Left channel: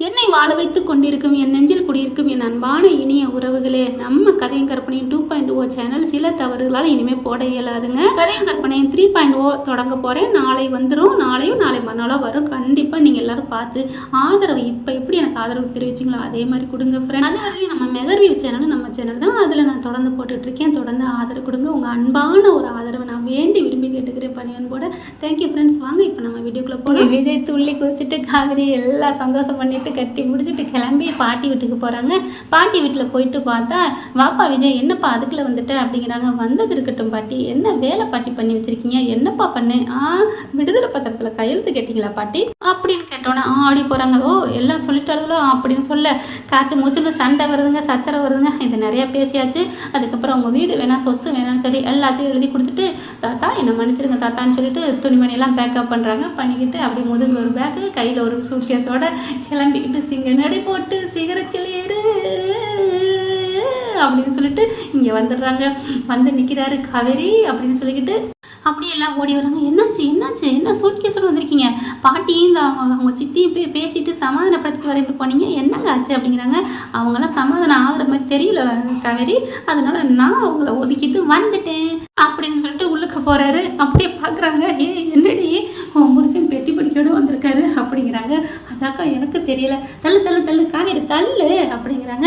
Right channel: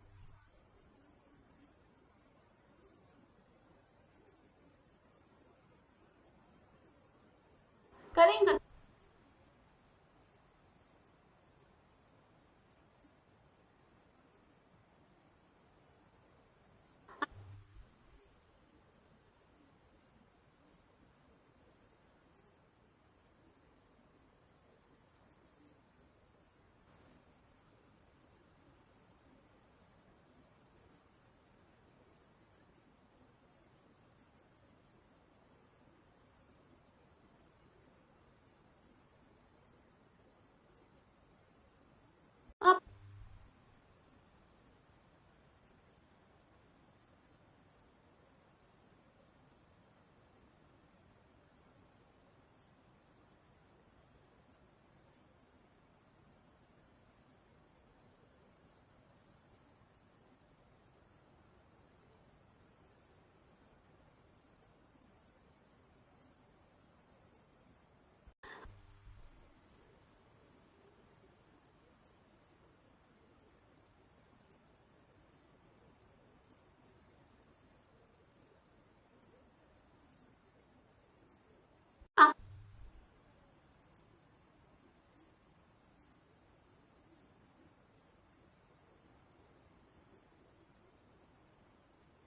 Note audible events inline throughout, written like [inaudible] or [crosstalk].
என்னை வாழ வைத்து கொண்டிருக்கும் என் நெஞ்சில் குடியிருக்கும் என் அன்பான இனிய உறவுகளே நம்ம கதையும் கற்பனையும் டூ பாயிண்ட் ஓ சேனல் சில தவறுகளால் இனிமேல் போட இயலாதுங்க. கதையும் கற்பனையும் த்ரீ பாயிண்ட் ஓ தொடங்க போகிறேன் நாளை வந்துடும் நாளையும் நாளை மறுநாளோ வரும். கண்டிப்பாக நீங்கள் எல்லாரும் பார்த்து ஆதரவு இப்போ எப்படி எனக்கு ஆதரவு தெரிவிச்சிங்களோ அதே மாதிரி கொடுங்க ஃப்ரெண்ட் அது வரையும் நம்ம மெகர்வியூ சேனல் நம்ம சேனல் தான் அதில் நான் தொடர்ந்து போட்டுட்டு இருக்கேன் தொடர்ந்து ஆதரவு கொடுங்க. உங்கள் அன்பான ஒரு ஆதரவை நான் வேண்டி விரும்பி கேட்டுக்கிறேன் பணியன் போட தேங்க்யூ ஃப்ரெண்ட்ஸ் வாங்க இப்போ நம்ம வீடியோக்குள்ளே போகலாம் விஜய் துள்ளி குதிச்சுட்டு காவிரி எல்லாம் சந்தோஷம் பண்ணிட்டு கட்டி முடிச்சுட்டு கிளம்பி பாட்டி வீட்டுக்கு போகிறாங்க பாட்டி வீட்டில் போயிட்டு பார்த்தா வாப்பா விஜய் என்னப்பா அதுக்குள்ளே வந்துட்ட அப்படிங்கிறாங்க. வந்தது இருக்கட்டும் பாட்டி. என்ன வேலை பாட்டி பண்ணி வச்சுருக்கீங்க? என்னப்பா பண்ணு? ஆ விடுதலை பத்திரத்தில் கையெழுத்து கேட்டிங்களா பாட்டி? அப்படின்னு கேட்டோன்னே ஆ ஆடி போகிறாங்க ஓ எல்லாம் சொல்லிட்டாலுங்களோ அப்படின்னு சொல்ல காய்ச்சி மூச்சுன்னு சண்டை வருதுங்க சச்சரை வருதுங்க. இது நிறையா பேசியாச்சு. அதுக்கப்புறம் உங்கள் வீடு வேணாம் சொத்து வேணாம்னு சொல்லி எல்லாத்தையும் எழுதி கொடுத்துட்டு தாத்தா என்னை மன்னிச்சிருங்க தாத்தான்னு சொல்லிட்டு துணிமணியெல்லாம் பேக்கப் பண்ணுறாங்க பண்ணிக்கிட்டு அப்படியே முதுகில் ஒரு பேக்கு கையில் ஒரு சூட்கேஸோட கிளம்பிக்கிட்டு சிங்க நடை போட்டு சிகரத்தில் ஏறு அப்படின்னு சொல்லிட்டு இங்கே வந்துடுறாங்க. வந்து நிற்கிறாரு காவேரி அப்படின்னு சொல்லிக்கிட்டு அப்படியே எல்லாம் ஓடி வராங்க. என்னாச்சு என்னாச்சு? என்ன சூட்கேஸோட வந்திருக்கீங்க? பாட்டியும் இந்த அவங்க அவங்க சித்தியும் போய் பேசிட்டு சமாதானப்படுத்திட்டு வரைக்கும் போனீங்க. என்னங்க ஆச்சு அப்படிங்கிறாங்க. அவங்களாம் சமாதானம் ஆகுற மாதிரி தெரியல காவேரி. அதனால நான் அவங்கள ஒதுக்கிட்டு வந்துட்டேன் அப்படின்னு சொல்லிட்டு உள்ளுக்க போறாரு. அப்படியே பார்க்குறாங்க ஏ என்னடி? உன் புருஷன் பெட்டி படிக்கோட வந்திருக்காரு அப்படிங்கிறாங்க. அதாக்கா எனக்கு தெரியல. தள்ளு தள்ளு தள்ளு காவேரி தள்ளு அப்படிங்கிறாங்க.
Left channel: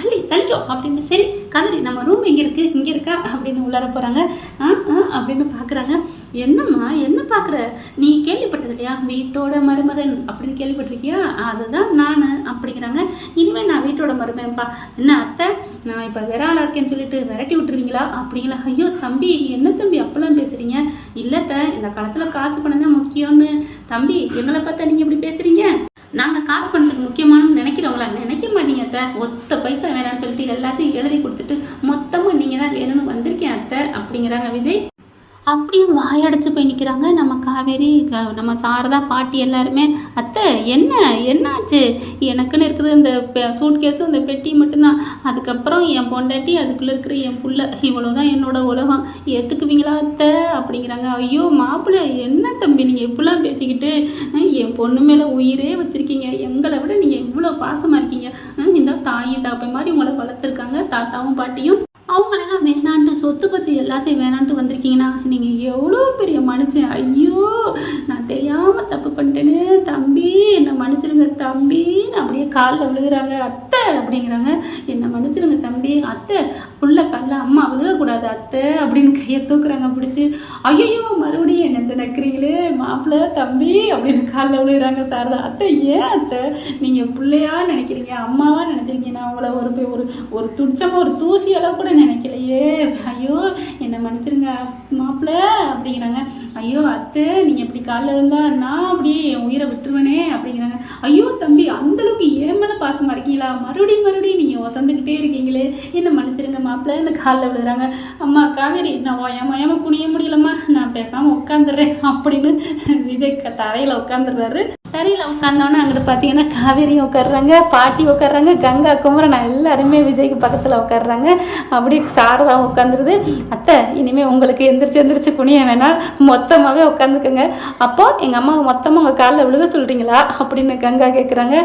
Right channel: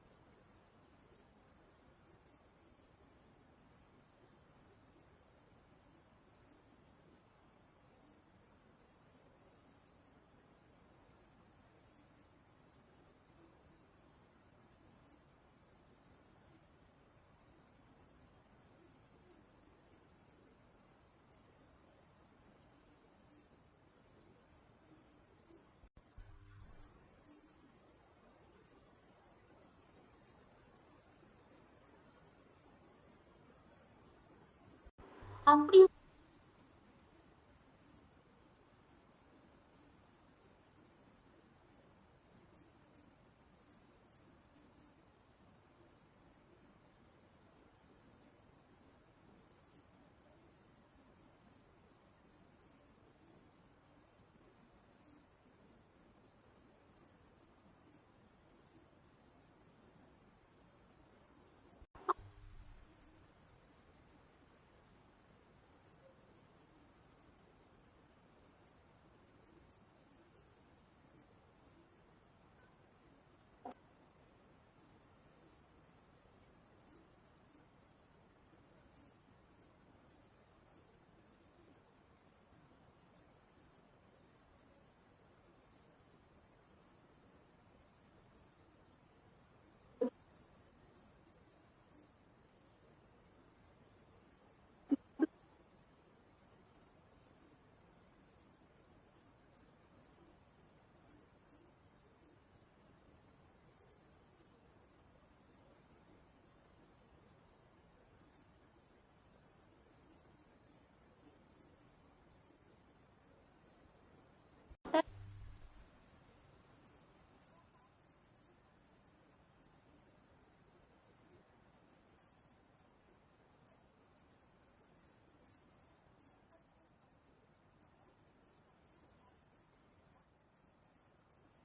தள்ளி தள்ளிக்கோ அப்படின்னு. சரி காவேரி நம்ம ரூம் எங்கே இருக்குது இங்கே இருக்கா? அப்படின்னு உள்ளார போகிறாங்க ஆ ஆ அப்படின்னு பார்க்குறாங்க என்னம்மா என்ன பார்க்குற நீ கேள்விப்பட்டது இல்லையா? வீட்டோட மருமகன் அப்படின்னு கேள்விப்பட்டிருக்கியா? அதுதான் நான் அப்படிங்கிறாங்க. இனிமேல் நான் வீட்டோட மருமகன்ப்பா. என்ன அத்தை? நான் இப்போ விராலாக இருக்கேன்னு சொல்லிட்டு விரட்டி விட்டுருவீங்களா? அப்படிங்களா? ஐயோ தம்பி என்ன தம்பி? அப்பெல்லாம் பேசுகிறீங்க இல்லைத்த இந்த காலத்தில் காசு பணம் தான் முக்கியம்னு. தம்பி எங்களை பார்த்தா நீங்கள் இப்படி பேசுகிறீங்க நாங்கள் காசு பணத்துக்கு முக்கியமானு நினைக்கிறவங்களா? நினைக்க மாட்டீங்க அத்தை. ஒத்த பைசா வேணாம்னு சொல்லிட்டு எல்லாத்தையும் எழுதி கொடுத்துட்டு மொத்தமாக நீங்கள் தான் வேணும்னு வந்திருக்கேன் அத்தை. அப்படிங்கிறாங்க விஜய். அப்படியே வாயடைச்சு போய் நிற்கிறாங்க நம்ம காவேரி க- நம்ம சாரதா பாட்டி எல்லாருமே அத்தை என்ன என்னாச்சு? எனக்குன்னு இருக்கிறது இந்த சூட் கேஸும் இந்த பெட்டி மட்டும்தான். அதுக்கப்புறம் என் பொண்டாட்டி அதுக்குள்ளே இருக்கிற என் புள்ள இவ்வளோ தான் என்னோட உலகம். ஏற்றுக்குவீங்களா அத்தை? அப்படிங்கிறாங்க. ஐயோ மாப்பிள்ளை என்ன தம்பி நீங்கள் இப்படிலாம் பேசிக்கிட்டு? என் பொண்ணு மேலே உயிரே வச்சுருக்கீங்க. எங்களை விட நீங்கள் இவ்வளோ பாசமாக இருக்கீங்க. இந்த தாயும் தாப்பை மாதிரி உங்களை வளர்த்துருக்காங்க. தாத்தாவும் பாட்டியும். அவங்கள சொத்து பற்றி எல்லாத்தையும் வேணான்ட்டு வந்திருக்கீங்கன்னா நீங்கள் எவ்வளோ பெரிய மனுஷன்? ஐயோ நான் தெரியாமல் தப்பு பண்ணிட்டேன்னு தம்பி என்னை மன்னிச்சிருங்க தம்பின்னு அப்படியே காலில் விழுகிறாங்க அத்தை அப்படிங்கிறாங்க. என்னை மன்னிச்சிருங்க தம்பி அத்தை புள்ள கல்ல அம்மா விழுகக்கூடாது அத்தை அப்படின்னு கையை தூக்குறாங்க பிடிச்சி. ஐயோ மறுபடியும் என்ன நினைக்கிறீங்களே மாப்பிள்ள மாப்பிள்ளை தம்பி அப்படின்னு காலில் விழுகுறாங்க சாரதா. அத்தை ஏன் அத்தை? நீங்கள் பிள்ளையா நினைக்கிறீங்க அம்மாவாக நினைச்சிருக்கீங்க? நான் உங்களை ஒரு போய் ஒரு ஒரு துச்சமாக ஒரு தூசி அளவு கூட நினைக்கலையே. ஐயோ என்னை மன்னிச்சிருங்க மாப்பிள்ள அப்படிங்கிறாங்க. ஐயோ அத்தை நீங்கள் இப்படி காலில் விழுந்தா நான் அப்படியே என் உயிரை விட்டுருவனே அப்படிங்கிறாங்க. ஐயோ தம்பி அந்தளவுக்கு ஏமன பாசமாக இருக்கீங்களா? மறுபடியும் மறுபடியும் நீங்கள் ஒசந்துக்கிட்டே இருக்கீங்களே. என்னை மன்னிச்சிருங்க மாப்பிள்ள என்ன காலில் விழுறாங்க. அம்மா காவேரி நான் ஓயாம ஓயாம குனிய முடியலம்மா. நான் பேசாமல் உட்காந்துடுறேன் அப்படின்னு விஜய் க- தரையில் உட்காந்துடுறாரு தரையில் உட்காந்தோன்னே அங்கிட்டு பார்த்தீங்கன்னா காவேரி உட்காடுறாங்க பாட்டி உட்காடுறாங்க கங்கா குமரன் எல்லாருமே விஜய்க்கு பக்கத்தில் உட்காடுறாங்க அப்படியே சாரதா உட்காந்துருது அத்தை இனிமேல் உங்களுக்கு எந்திரிச்சு எந்திரிச்சு குனிய வேணாம். மொத்தமாகவே உட்காந்துக்கோங்க அப்போ எங்கள் அம்மா மொத்தமாக உங்கள் காலில் விழுக சொல்கிறீங்களா அப்படின்னு கங்கா கேட்குறாங்க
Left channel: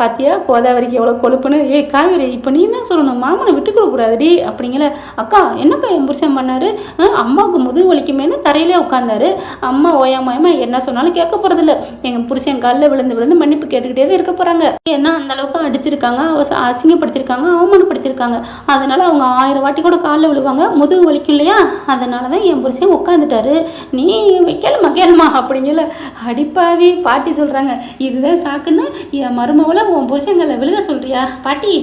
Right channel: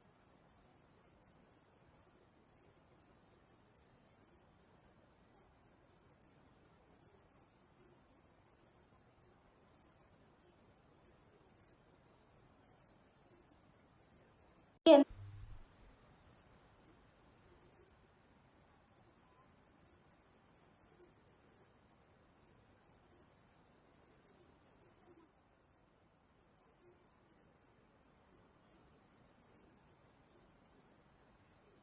பாத்தியா கோதாவரிக்கு எவ்வளோ கொழுப்புன்னு? ஏய் காவேரி இப்போ நீ தான் சொல்லணும்? மாமனை விட்டு கொடுக்கூடாதுடி அப்படிங்கல. அக்கா என்னப்பா என் புருஷன் பண்ணாரு? அம்மாவுக்கு முதுகு வலிக்குமேனு தரையிலே உட்காந்தாரு அம்மா ஓயாமயமா என்ன சொன்னாலும் கேட்க போகிறதில்ல எங்கள் புருஷன் காலில் விழுந்து விழுந்து மன்னிப்பு கேட்டுக்கிட்டே தான் இருக்க போகிறாங்க ஏன்னா அந்த அளவுக்கு அடிச்சிருக்காங்க. அசிங்கப்படுத்திருக்காங்க அவமானப்படுத்திருக்காங்க. அவமானப்படுத்தியிருக்காங்க அதனால அவங்க ஆயிரம் வாட்டி கூட காலில் விழுவாங்க. முதுகு வலிக்கும் இல்லையா? அதனால தான் என் புருஷன் உட்காந்துட்டாரு நீ கேளுமா? கேளுமா அப்படிங்கல அடிப்பாவி பாட்டி சொல்கிறாங்க இதுதான் சாக்குன்னு என் மருமவளை உன் புருஷங்களை விழுக சொல்றியா பாட்டி?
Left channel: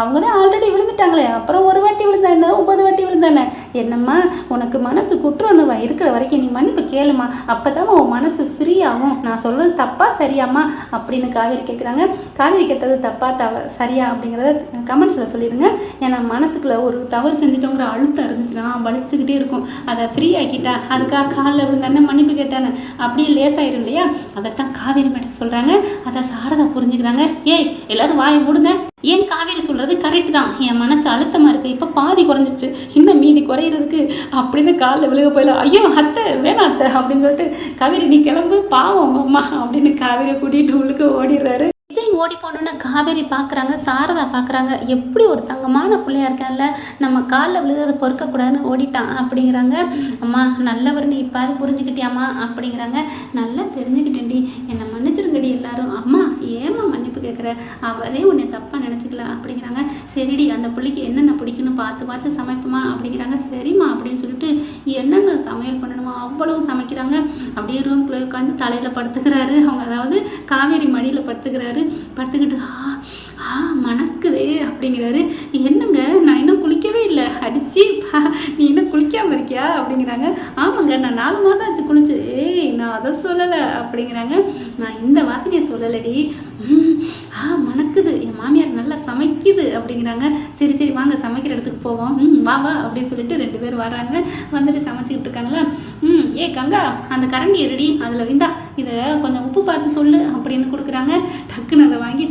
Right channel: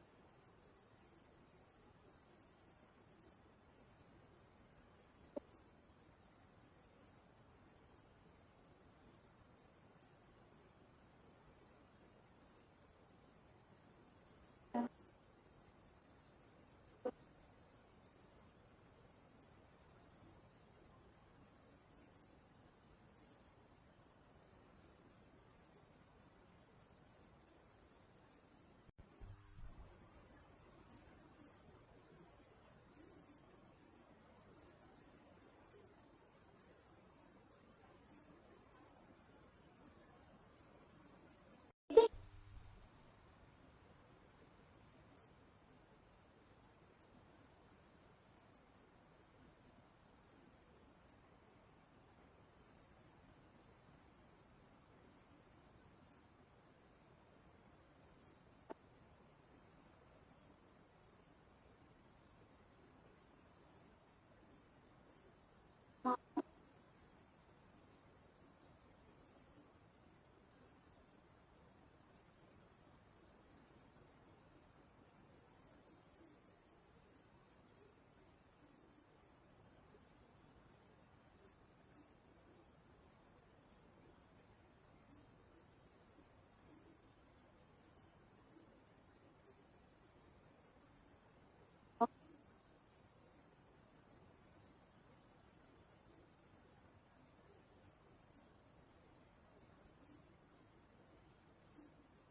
அவங்க தான் ஆல்ரெடி விழுந்துட்டாங்களே. அப்புறம் ஒரு வாட்டி விழுந்தானே ஒன்பது வாட்டி விழுந்தானே என்னம்மா உனக்கு மனசு குற்றுணர்வா இருக்கிற வரைக்கும் நீ மன்னிப்பு கேளுமா. அப்போ உன் மனசு ஃப்ரீ ஆகும். நான் சொல்கிறது தப்பா சரியாம்மா? அப்படின்னு காவேரி கேட்குறாங்க காவேரி கேட்டது தப்பா தவ சரியா அப்படிங்கிறத கமெண்ட்ஸில் சொல்லிடுங்க ஏன்னா மனசுக்குள்ள ஒரு தவறு செஞ்சுட்டோங்கிற அழுத்தம் இருந்துச்சுன்னா வலிச்சுக்கிட்டே இருக்கும். அதை ஃப்ரீ ஆக்கிட்டா அதுக்காக காலில் விழுந்தானே மன்னிப்பு கேட்டானே அப்படியே லேசாயிரும் இல்லையா? அதைத்தான் காவேரி மேடம் சொல்கிறாங்க அதை சாரதா புரிஞ்சுக்கிறாங்க. ஏய் எல்லோரும் வாயை மூடுங்க. ஏன் காவேரி சொல்கிறது கரெக்ட் தான். என் மனசு அழுத்தமாக இருக்குது இப்போ பாதி குறைஞ்சிருச்சு. இன்னும் மீதி குறையிறதுக்கு அப்படின்னு காலில் விழுக போயில ஐயோ அத்தை வேணாம் அத்தை அப்படின்னு சொல்லிட்டு காவேரி நீ கிளம்பு பாவம் அம்மா அப்படின்னு காவேரியை கூட்டிகிட்டு உள்ளுக்கு ஓடிடுறாரு. ஓடி போனோன்னு காவேரி பார்க்குறாங்க சாரதா பார்க்குறாங்க எப்படி ஒரு தங்கமான பிள்ளையா இருக்கான்ல. நம்ம காலில் விழுகிறத பொறுக்கக்கூடாதுன்னு ஓடிட்டான் அப்படிங்கிறாங்க. அம்மா நல்லவர்னு நீ இப்போ அது புரிஞ்சுக்கிட்டியாம்மா அப்படிங்கிறாங்க. நல்லா தெரிஞ்சுக்கிட்டேன்டி. என்னை மன்னிச்சிருங்கடி எல்லாரும். அம்மா ஏமா மன்னிப்பு கேட்குற அவரே உன்னை தப்பாக நினச்சிக்கல அப்படிங்கிறாங்க. சரிடி அந்த பிள்ளைக்கு என்னென்ன பிடிக்குன்னு பார்த்து பார்த்து சமைப்போமா அப்படிங்கிறாங்க. சரிம்மா அப்படின்னு சொல்லிட்டு என்னென்ன சமையல் பண்ணணுமோ? அவ்வளவு சமைக்கிறாங்க. அப்படியே ரூம்குள்ளே உட்காந்து தலையில் படுத்துக்கிறாரு. அவங்க அதாவது காவேரி மடியில் படுத்துக்கிறாரு. படுத்துக்கிட்டு ஆ ஆ மணக்குதே அப்படிங்கிறாரு. என்னங்க? நான் இன்னும் குளிக்கவே இல்லை. அடிச்சு பா நீ இன்னும் குளிக்காமல் இருக்கியா? அப்படிங்கிறாங்க. ஆமாங்க நான் நாலு மாதம் ஆச்சு குளிச்சு. ஏய் நான் அதை சொல்லலை. அப்படிங்கிறாங்க. நான் இந்த வாசனையை சொல்லலடி. ஆ மணக்குது. மாமியார் நல்லா சமைக்குது அப்படிங்கிறாங்க. சரி சரி வாங்க சமைக்கிற இடத்துக்கு போவோம். ம் வா வா அப்படின்னு சொல்லிட்டு ரெண்டு பேர் வராங்க. வந்துட்டு சமைச்சிக்கிட்டு இருக்காங்களா? ம் ஏ கங்கா அந்த கரண்டி எடுடி அதில் இந்தா இதை கொஞ்சம் உப்பு பார்த்து சொல்லு அப்படின்னு கொடுக்குறாங்க. டக்குன்னு அதை வாங்கி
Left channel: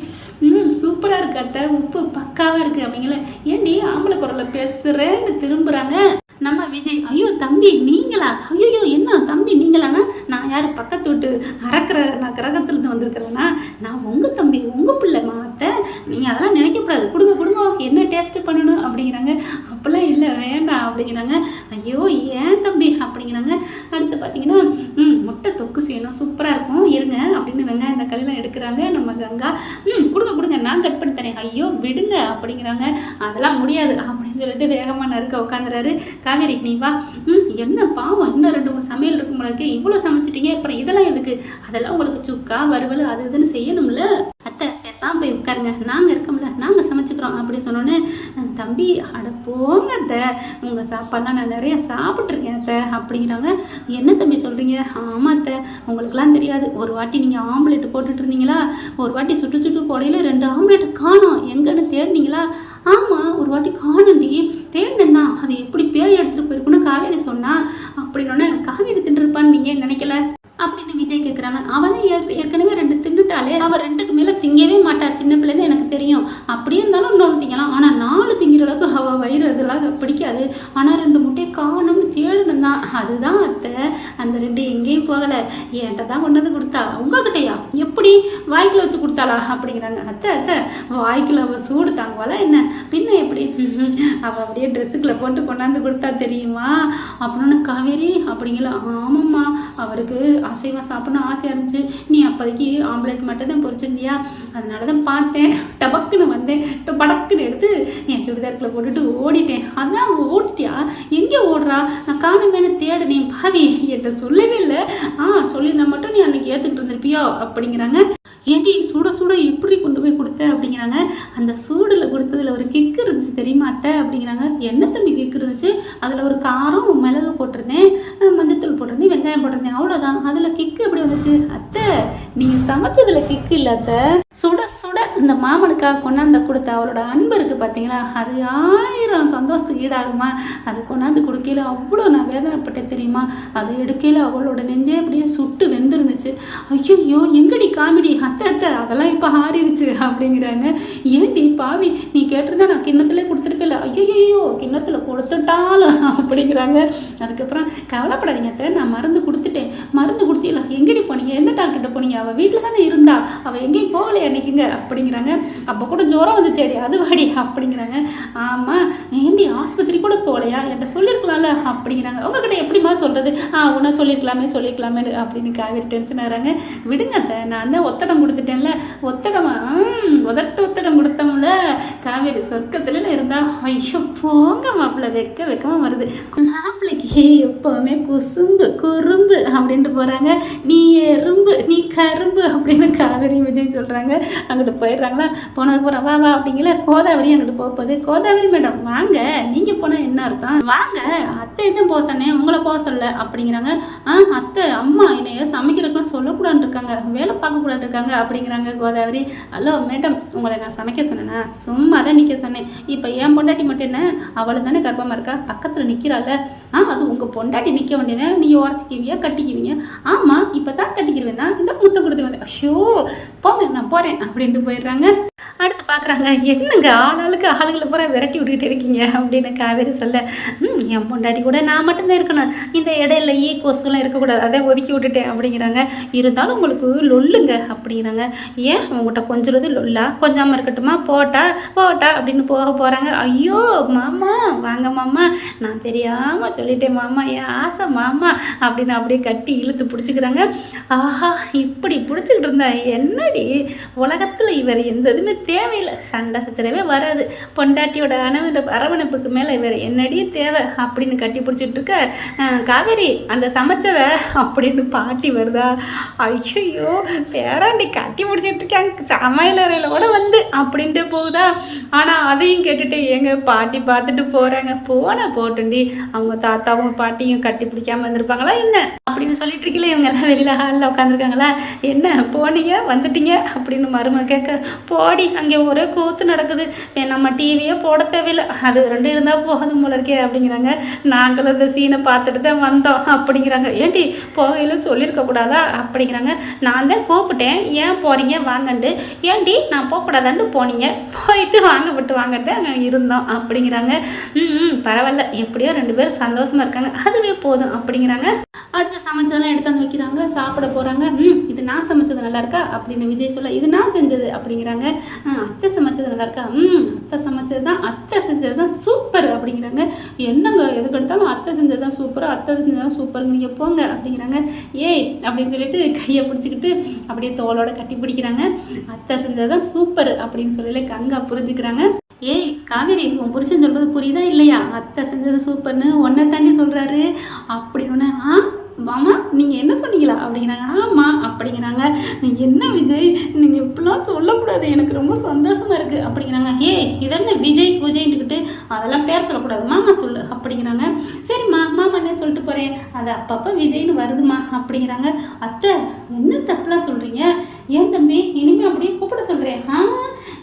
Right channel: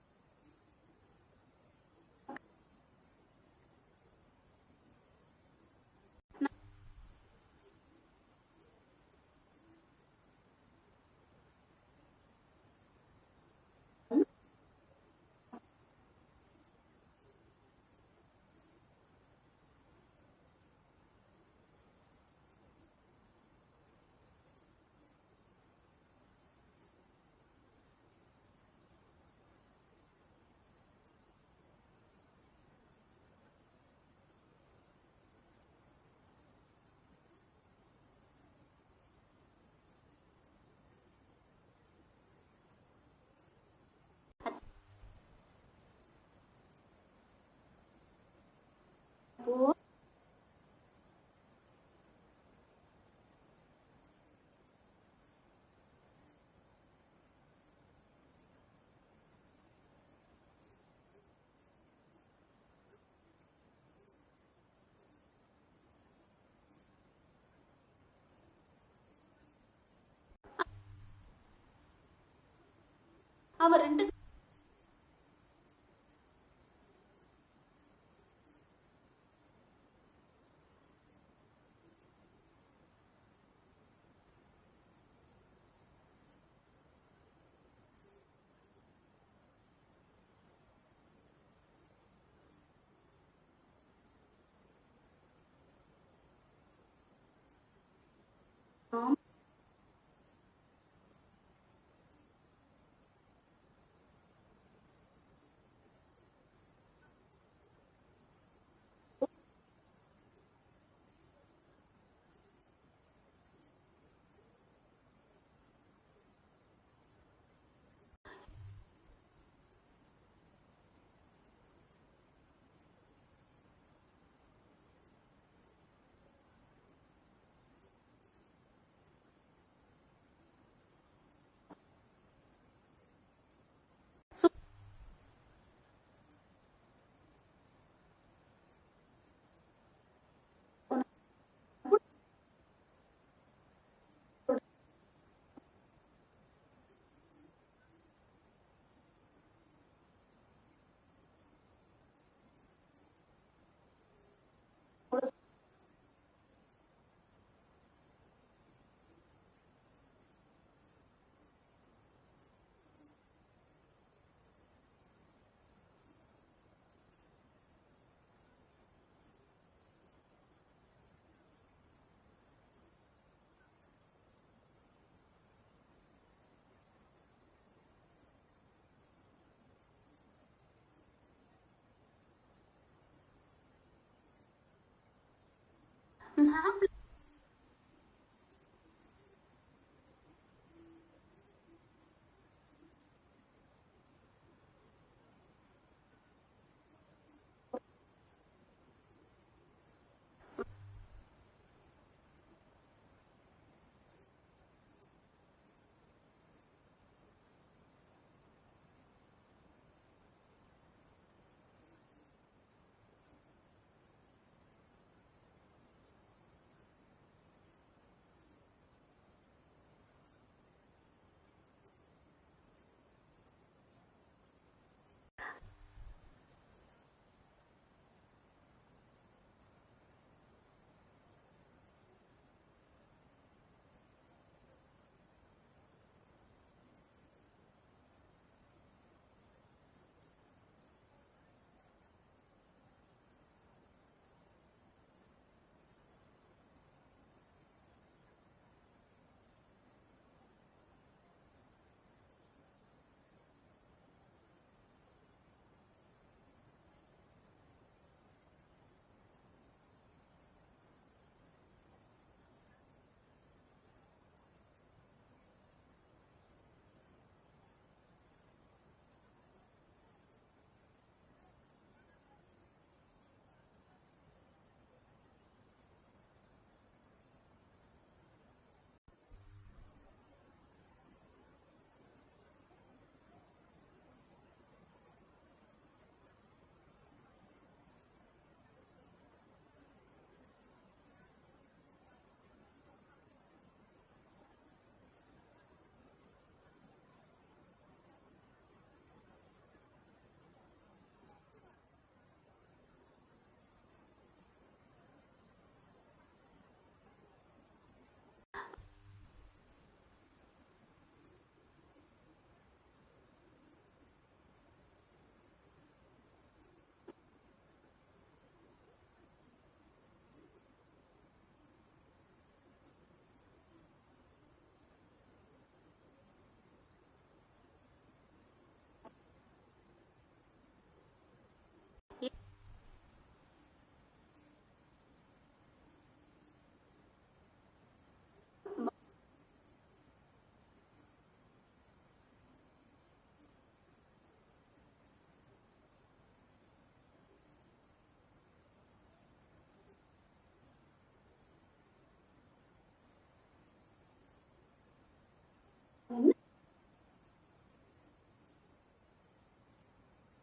ம் சூப்பராக இருக்கு அத்தை. உப்பு பக்காவாக இருக்குது அப்படிங்கல. ஏண்டி ஆம்பளை குரலில் பேசுகிறேன்னு திரும்புகிறாங்க நம்ம விஜய் ஐயோ தம்பி நீங்களா? ஐயோ என்ன தம்பி நீங்களாண்ணா நான் யார் பக்கத்து வீட்டு அறக்கிற நான் கிரகத்துலேருந்து வந்திருக்கிறேன்னா நான் உங்கள் தம்பி உங்கள் பிள்ளை மாத்த நீங்கள் அதெல்லாம் நினைக்கக்கூடாது. கொடுங்க கொடுங்க. என்ன டேஸ்ட்டு பண்ணணும் அப்படிங்கிறாங்க. அப்போல்லாம் இல்லை வேண்டாம் அப்படிங்கிறாங்க. ஐயோ ஏன் தம்பி அப்படிங்கிறாங்க. அடுத்து பார்த்தீங்கன்னா ம் முட்டை தொக்கு செய்யணும். சூப்பராக இருக்கும். இருங்க அப்படின்னு வெங்காயம் தக்காளிலாம் எடுக்கிறாங்க. நம்ம கங்கா ம் கொடுங்க கொடுங்க. நான் கட் பண்ணி தரேன். ஐயோ விடுங்க அப்படிங்கிறாங்க. அதெல்லாம் முடியாது அப்படின்னு சொல்லிட்டு வேகமாக நறுக்க உட்காந்துறாரு காவேரி நீ வா. ம் என்ன பாவம் இன்னும் ரெண்டு மூணு சமையல் இருக்கும் உங்களுக்கு இவ்வளோ சமைச்சிட்டீங்க அப்புறம் இதெல்லாம் எதுக்கு? அதெல்லாம் உங்களுக்கு சுக்கா வறுவல் அது இதுன்னு செய்யணும்ல. அத்தை பேசாம போய் உட்காருங்க. நாங்கள் இருக்கோம்ல நாங்கள் சமைச்சுக்கிறோம் அப்படின்னு சொன்னோன்னே தம்பி அட போங்க அத்தை. உங்கள் சாப்பாடுலாம் நான் நிறைய சாப்பிட்ருக்கேன் அத்தை அப்படிங்கிறாங்க. என்ன தம்பி சொல்கிறீங்க ஆமாம் அத்தை. உங்களுக்குலாம் தெரியாது. ஒரு வாட்டி நீங்கள் ஆம்லெட் போட்டுட்டு இருந்தீங்களா? ஒரு வாட்டி சுட்டு சுட்டு போடையில் ரெண்டு ஆம்லெட் காணும். எங்கன்னு தேடினீங்களா? ஆமாம் ஒரு வாட்டி காணுண்டி. தேடினேன் தான். அது எப்படி பேய் எடுத்துகிட்டு போயிருக்குன்னு காவேரி சொன்னால் அப்படின்னோடனே காவேரி தின்றுருப்பான்னு நீங்கள் நினைக்கல? அப்படின்னு விஜய் கேட்குறாங்க அவன் ஏற்கனவே ரெண்டு தின்னுட்டாலே அவள் ரெண்டு மேலே திங்கவே மாட்டா சின்ன பிள்ளைன்னு எனக்கு அப்படியே இருந்தாலும் இன்னொன்று திங்கலாம். ஆனால் நாலு திங்கிற அளவுக்கு அவள் வயிறு அதெல்லாம் பிடிக்காது. ஆனால் ரெண்டு முட்டையை காணும்னு தேடணும் தான் அதுதான் அத்தை. அந்த ரெண்டு எங்கேயும் போகலை. என்கிட்ட தான் கொண்டு வந்து கொடுத்தா. உங்ககிட்டயா? எப்படி? வாய்க்குள்ள வச்சு கொடுத்தாளா? அப்படிங்கிறாங்க. அத்தை அத்தை வாய்க்குள்ள அவள் சூடு தாங்குவாளா என்ன? பின்ன எப்படி? [laughs] அவள் அப்படியே ட்ரெஸ்ஸுக்குள்ள போட்டு கொண்டாந்து கொடுத்தா தெரியுமா? அப்படின்னு காவேரி அப்படிங்கள? ஆமாம்மா. அவருக்கு அசைவம் சாப்பிடணும் ஆசையாக இருந்துச்சு. நீ அப்போதைக்கு ஆம்லெட் மட்டும் தான் பொறிச்சிருந்தியா அதனால தான் பார்த்தேன். டபக்குன்னு வந்தேன். படக்குன்னு எடுத்து என் சுடிதாருக்குள்ளே போட்டுட்டு ஓடிட்டேன். அதான் ஓடிட்டியா எங்கே ஓடுறா? நான் காணுமேனு தேடினேன் பாவி என்கிட்ட சொல்லவே இல்லை. ஆ சொல்லியிருந்தா மட்டும் நீ அன்னைக்கு ஏற்றுக்கிட்டு இருந்திருப்பியோ? அப்படிங்கிறாங்க. ஏண்டி சுட சுட எப்படி கொண்டு போய் கொடுத்த அப்படிங்கிறாங்க. அந்த சூடில் கொடுத்ததில் ஒரு கிக்கு இருந்துச்சு தெரியுமா அத்தை? அப்படிங்கிறாங்க. என்ன தம்பி கிக்கு இருந்துச்சு? அதில் ஒரு காரம் மிளகு போட்டிருந்தேன். மஞ்சத்தூள் போட்டிருந்தேன் வெங்காயம் போட்டிருந்தேன் அவ்வளோதான் அதில் கிக்கு எப்படி வந்துச்சு? அத்தை நீங்கள் சமைச்சதில் கிக்கு இல்லை அத்தை. சுட சுட இந்த மாமனுக்காக கொண்டாந்து கொடுத்த அவளோட அன்பு இருக்குது பார்த்தீங்களா அது ஆயிரம் சந்தோஷத்துக்கு ஈடாகுமா? அது கொண்டாந்து கொடுக்கையில் அவ்வளோ நான் வேதனைப்பட்டேன் தெரியுமா? அது எடுக்கையில் அவளோட நெஞ்சே அப்படியே சுட்டு வெந்திருந்துச்சு. ஐயோ எங்கடி காமெடி? அத்தை அத்தை அதெல்லாம் இப்போ ஆறிடுச்சு அப்படிங்கிறாங்க. ஏண்டி பாவி நீ கேட்டிருந்தா நான் கிண்ணத்துல கொடுத்துருப்பில்ல ஐயோ கிண்ணத்தில் கொடுத்துட்டாலும் அப்படிங்கிறாங்க. அதுக்கப்புறம் கவலைப்படாதீங்க அத்தை நான் மருந்து கொடுத்துட்டேன். மருந்து கொடுத்தீங்களா எங்கடி போனீங்க? எந்த டாக்டர்கிட்ட போனீங்க? அவள் வீட்டில் தானே இருந்தா. அவள் எங்கேயும் போகலையா அன்னைக்குங்க. அப்படிங்கிறாங்க. அப்போ கூட ஜோரம் வந்துச்சேடி அது வாடி அப்படிங்கிறாங்க. ஆமாம் ஏண்டி ஆஸ்பத்திரி கூட போகலையா? என்கிட்ட சொல்லியிருக்கலாம்ல அப்படிங்கிறாங்க. உங்ககிட்ட எப்படிம்மா சொல்கிறது ஆ உன்னை சொல்லியிருக்கலாமே சொல்லியிருக்கலாமே அப்படின்னு காவேரி டென்ஷன் ஆகிறாங்க. விடுங்க அத்தை நான் தான் ஒத்தடம் கொடுத்துட்டேன்ல. ஒத்தடமா உதட்டு ஒத்தடம் கொடுத்தோம்ல. காவேரி சொர்க்கத்தில் இருந்தா ஐயோ போங்க மாப்பிள்ளை வெக்க வெக்கமா வருது. மாப்பிள்ளைக்கு எப்போவுமே குசும்பு குறும்பு அப்படின்ட்டு போகிறாங்க நீ எறும்பு நீ கரும்பு அப்படின்னு காவேரி விஜய் சொல்கிறாங்க அங்கிட்டு போயிடுறாங்களா? போனதுக்கு போகிறா வா வா அப்படிங்கிற கோதாவரி அங்கிட்டு போக போகுது. கோதாவரி மேடம் வாங்க. நீங்கள் போனால் என்ன அர்த்தம்? வாங்க அத்தை எதுவும் போக சொன்னேன். உங்களை போக சொல்ல அப்படிங்கிறாங்க. ஆ அத்தை அம்மா என்னைய சமைக்கிறதுக்குலாம் சொல்லக்கூடாதுன்னு இருக்காங்க. வேலை பார்க்கக்கூடாது இருக்காங்க. அப்படிங்கிறாங்க கோதாவரி. ஹலோ மேடம் உங்களை நான் சமைக்க சொன்னேனா? சும்மா தான் நிற்க சொன்னேன். இப்போ என் பொண்டாட்டி மட்டும் என்ன? அவளை தானே கர்ப்பமாக இருக்கா? பக்கத்தில் நிற்கிறாள் ஆ அது உங்கள் பொண்டாட்டி நிற்க வேண்டியதை நீங்கள் உரைச்சிக்குவீங்க கட்டிக்குவீங்க. ஆமாம் இப்போ தான் கட்டிக்கிருவேன் தான். இந்த முத்த கொடுத்து வந்தேன் ஐயோ போங்க நான் போகிறேன் அப்படின்ட்டு போயிடுறாங்க. அடுத்து பார்க்குறாங்க என்னங்க ஆளாளுக்கு ஆளுங்களை பூரா விரட்டி விட்டுக்கிட்டு இருக்கீங்க? அப்படின்னு காவேரி சொல்ல ம் என் பொண்டாட்டி கூட நான் மட்டும்தான் இருக்கணும். இந்த இடையில ஈ கொசுலாம் இருக்கக்கூடாது. அதை ஒதுக்கி விட்டுட்டேன். அப்படிங்கிறாங்க. இருந்தாலும் உங்களுக்கு லொல்லுங்க அப்படிங்கிறாங்க. ஏன்? உங்கள்கிட்ட கொஞ்சிறது லொல்லா? கொஞ்சாமல் இருக்கட்டுமா? போட்டா போட்டா அப்படின்னு போக போகிறாங்க ஐயோ மாமா வாங்க மாமா. நான் தெரியாமல் சொல்லிட்டேன் மாமா. என் ஆசை மாமா அப்படின்னு அப்படியே கட்டி இழுத்து பிடிச்சிக்கிறாங்க. ஆஹா இப்படி பிடிச்சிக்கிட்டு இருந்தா என்னடி? உலகத்தில் இவர் எந்த இதுவுமே தேவையில்லை. சண்டை சச்சரவே வராது. பொண்டாட்டியோட அணவு அரவணைப்புக்கு மேலே இவர் என்னடி தேவை அப்படின்னு கட்டி பிடிச்சிட்டு இருக்க காவேரி அந்த சமைச்சவ அப்படின்னு பாட்டி வருதா? ஐயோ பேராண்டி கட்டி பிடிச்சிட்டு இருக்கேன் சமையல் அறையில் கூட வந்து அப்படின்ட்டு போகுதா? ஆனால் அதையும் கேட்டுட்டு எங்க பாட்டி பார்த்துட்டு போகிறாங்க போன போட்டுண்டி அவங்க தாத்தாவும் பாட்டியும் கட்டி பிடிக்காம இருந்திருப்பாங்களா என்ன? அப்படின்னு சொல்லிட்டு இருக்கீங்களே இவங்க எல்லாம் வெளியில் ஹாலில் உட்காந்துருக்காங்களா? என்ன போனீங்க? வந்துட்டீங்க? அப்படின்னு மருமக கேட்க போடி அங்கே ஒரே கூத்து நடக்குது. நம்ம டிவியே போட தேவையில்லை. அது ரெண்டு இருந்தால் போதும் போல இருக்கே அப்படிங்கிறாங்க. நாங்களும் இந்த சீனை பார்த்துட்டு தான் வந்தோம் அப்படிங்கிறாங்க. ஏண்டி போகையில் சொல்லியிருக்கக்கூடாதா அப்படிங்கிறாங்க. நான் தான் கூப்பிட்டேன். ஏன் போகிறீங்க வாங்கண்டு ஏண்டி நான் போகக்கூடாதான்னு போனீங்க. போயிட்டு வாங்க விட்டு வாங்கட்டு அங்கே இருந்தோம் அப்படிங்கிறாங்க. ம் பரவாயில்ல. எப்படியோ ரெண்டு பேரும் சந்தோஷமாக இருக்காங்க. அதுவே போதும் அப்படிங்கிறாங்க. அடுத்து சமைச்சதெல்லாம் எடுத்து வந்து வைக்கிறாங்க. சாப்பிட போகிறாங்க ம் இது நான் சமைச்சது நல்லா இருக்கா? அப்படின்னு விஜய் சொல்ல இது நான் செஞ்சது அப்படிங்கிறாங்க. அத்தை சமைச்சது நல்லாயிருக்கா ம் அத்தை சமைச்சது தான் அத்தை செஞ்சது தான் சூப்பர் அப்படிங்கிறாங்க. என்னங்க எதுக்கு எடுத்தாலும் அத்தை செஞ்சது தான் சூப்பர் அத்தை செஞ்சது தான் சூப்பர் நீங்கள் போங்க அப்படிங்கிறாங்க. ஏய் அப்படின்னு சொல்லிட்டு கையை பிடிச்சிக்கிட்டு அப்படியே தோளோட கட்டி பிடிக்கிறாங்க. அத்தை செஞ்சது தான் சூப்பர் அப்படின்னு சொல்லி கங்கா புரிஞ்சுக்கிறாங்க. ஏய் காவேரி உன் புருஷன் சொல்கிறது புரியுதா இல்லையா? அத்தை செஞ்சது சூப்பர்னு ஒன்றை தாண்டி சொல்கிறாரு அப்படின்னு ஆ மாமா நீங்கள் என்ன சொன்னீங்களா? அப்படிங்கிறாங்க. ஆமாம் அப்படிங்கிறாங்க. என்ன விஜய்? நீங்கள் இப்படிலாம் சொல்லக்கூடாது. எனக்கு ரொம்ப சந்தோஷமாக இருக்குது அப்படிங்கிறாங்க. ஏ இதென்ன விஜய் விஜய்ன்னுக்கிட்டு அதெல்லாம் பேர் சொல்லக்கூடாது. மாமா சொல்லு அப்படிங்கிறாங்க. சரிம்மா மாமா என்ன சொல்லிட்டு போகிறேன் அது அப்பப்போ விஜய்னு வருதுமா அப்படிங்கிறாங்க. அத்தை என்ன தப்புலாம் சொல்கிறீங்க ஏன் தம்பி இனிமேல் அப்படியே கூப்பிட சொல்கிறேன் ஆ?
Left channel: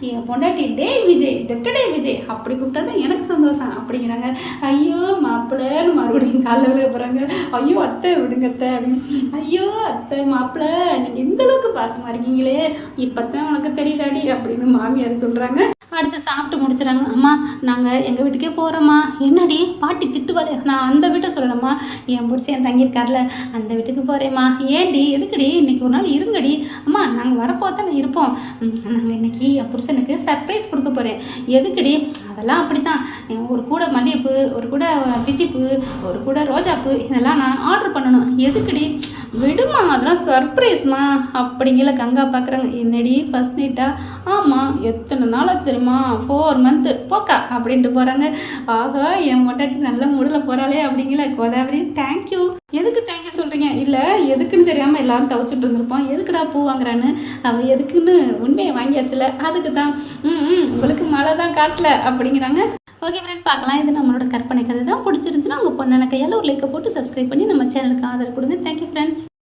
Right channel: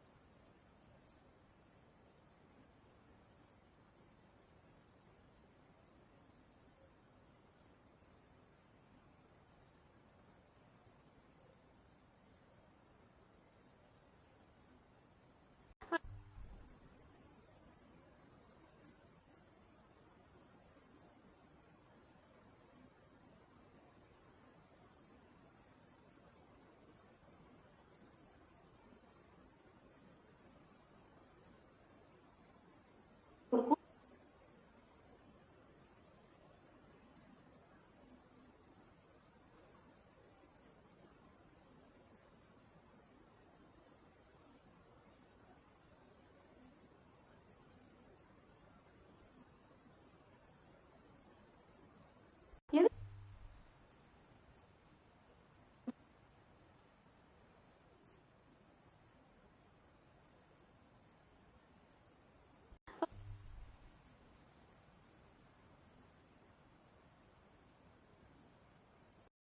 என் பொண்டாட்டி டே விஜய் டெட்டடே விஜய் அப்படி கூப்பிட்டா தான் எனக்கு சந்தோஷம் அப்படிங்கிறாங்க. ஐயோ மாப்பிள்ளன்னு மறுபடியும் காலைல விட போகிறாங்க ஐயோ அத்தை விடுங்க அத்தை அப்படின்னு. ஐயோ அத்தை மாப்பிள்ளை நீங்கள் எந்த அளவுக்கு பாசமாக இருக்கீங்களே இப்போ தான் உனக்கு தெரியுதாடி அப்படின்னு மாமியார் சொல்கிறாங்க அடுத்து சாப்பிட்டு முடிச்சிடறாங்க அம்மா நாங்கள் எங்கள் வீட்டுக்கே போகிறோம்மா என்னடி? பாட்டி திட்டுவாளே. நான் அந்த வீட்டை சொல்லணும்மா. என் பிடிச்சி என் தங்கியிருக்கார்ல அந்த வீட்டுக்கு போகிறேம்மா ஏன்டி? எதுக்குடி? இன்றைக்கி ஒரு நாள் இருங்கடி. அம்மா நாங்கள் வரப்போ தானே இருப்போம். நாங்கள் இன்னைக்கு என் புருஷனுக்கு சர்ப்ரைஸ் கொடுக்க போகிறேன் எதுக்குடி? அதெல்லாம் அப்படி தான் ஒரு கூட மல்லிகைப்பூ ஒரு கூட பிச்சிப்பூ ஒரு கூட ரோஜாப்பூ இதெல்லாம் நான் ஆர்டர் பண்ணணும். எதுக்குடி? விடுமா அதெல்லாம் சர்ப்ரைஸ்மா அப்படிங்கிற கங்கா பார்க்குறாங்க என்னடி? ஃபஸ்ட் நைட்டா ஆமாம் எத்தனை நாள் ஆச்சு தெரியுமா? ஃபோர் மந்த்து போக்கா. அப்படின்ட்டு போகிறாங்க ஆகா என் மொட்டாட்டி நல்ல மூடில் போகிறாளே அப்படிங்கிற கோதாவரி தேங்க்யூ எதுக்கு தேங்க்யூ சொல்கிறீங்க இல்லை எதுக்குன்னு தெரியாமல் எல்லாரும் தவிச்சிட்டு இருந்திருப்போம். எதுக்குடா பூ வாங்குறான்னு? அவன் எதுக்குன்னு உண்மையை வாங்கியாச்சுல. அதுக்கு தான். ம் ம், உங்களுக்கு மழை தான் காட்டல அப்படிங்கிறாங்க. ஓகே ஃப்ரெண்ட் பார்க்கலாம். இது நம்மளோட கற்பனை கதை தான். பிடிச்சிருந்துச்சுன்னா உங்கள் பொண்ணான கையால் ஒரு லைக்கை போட்டு சப்ஸ்கிரைப் பண்ணி நம்ம சேனலுக்கு ஆதரவு கொடுங்க. Thank you friends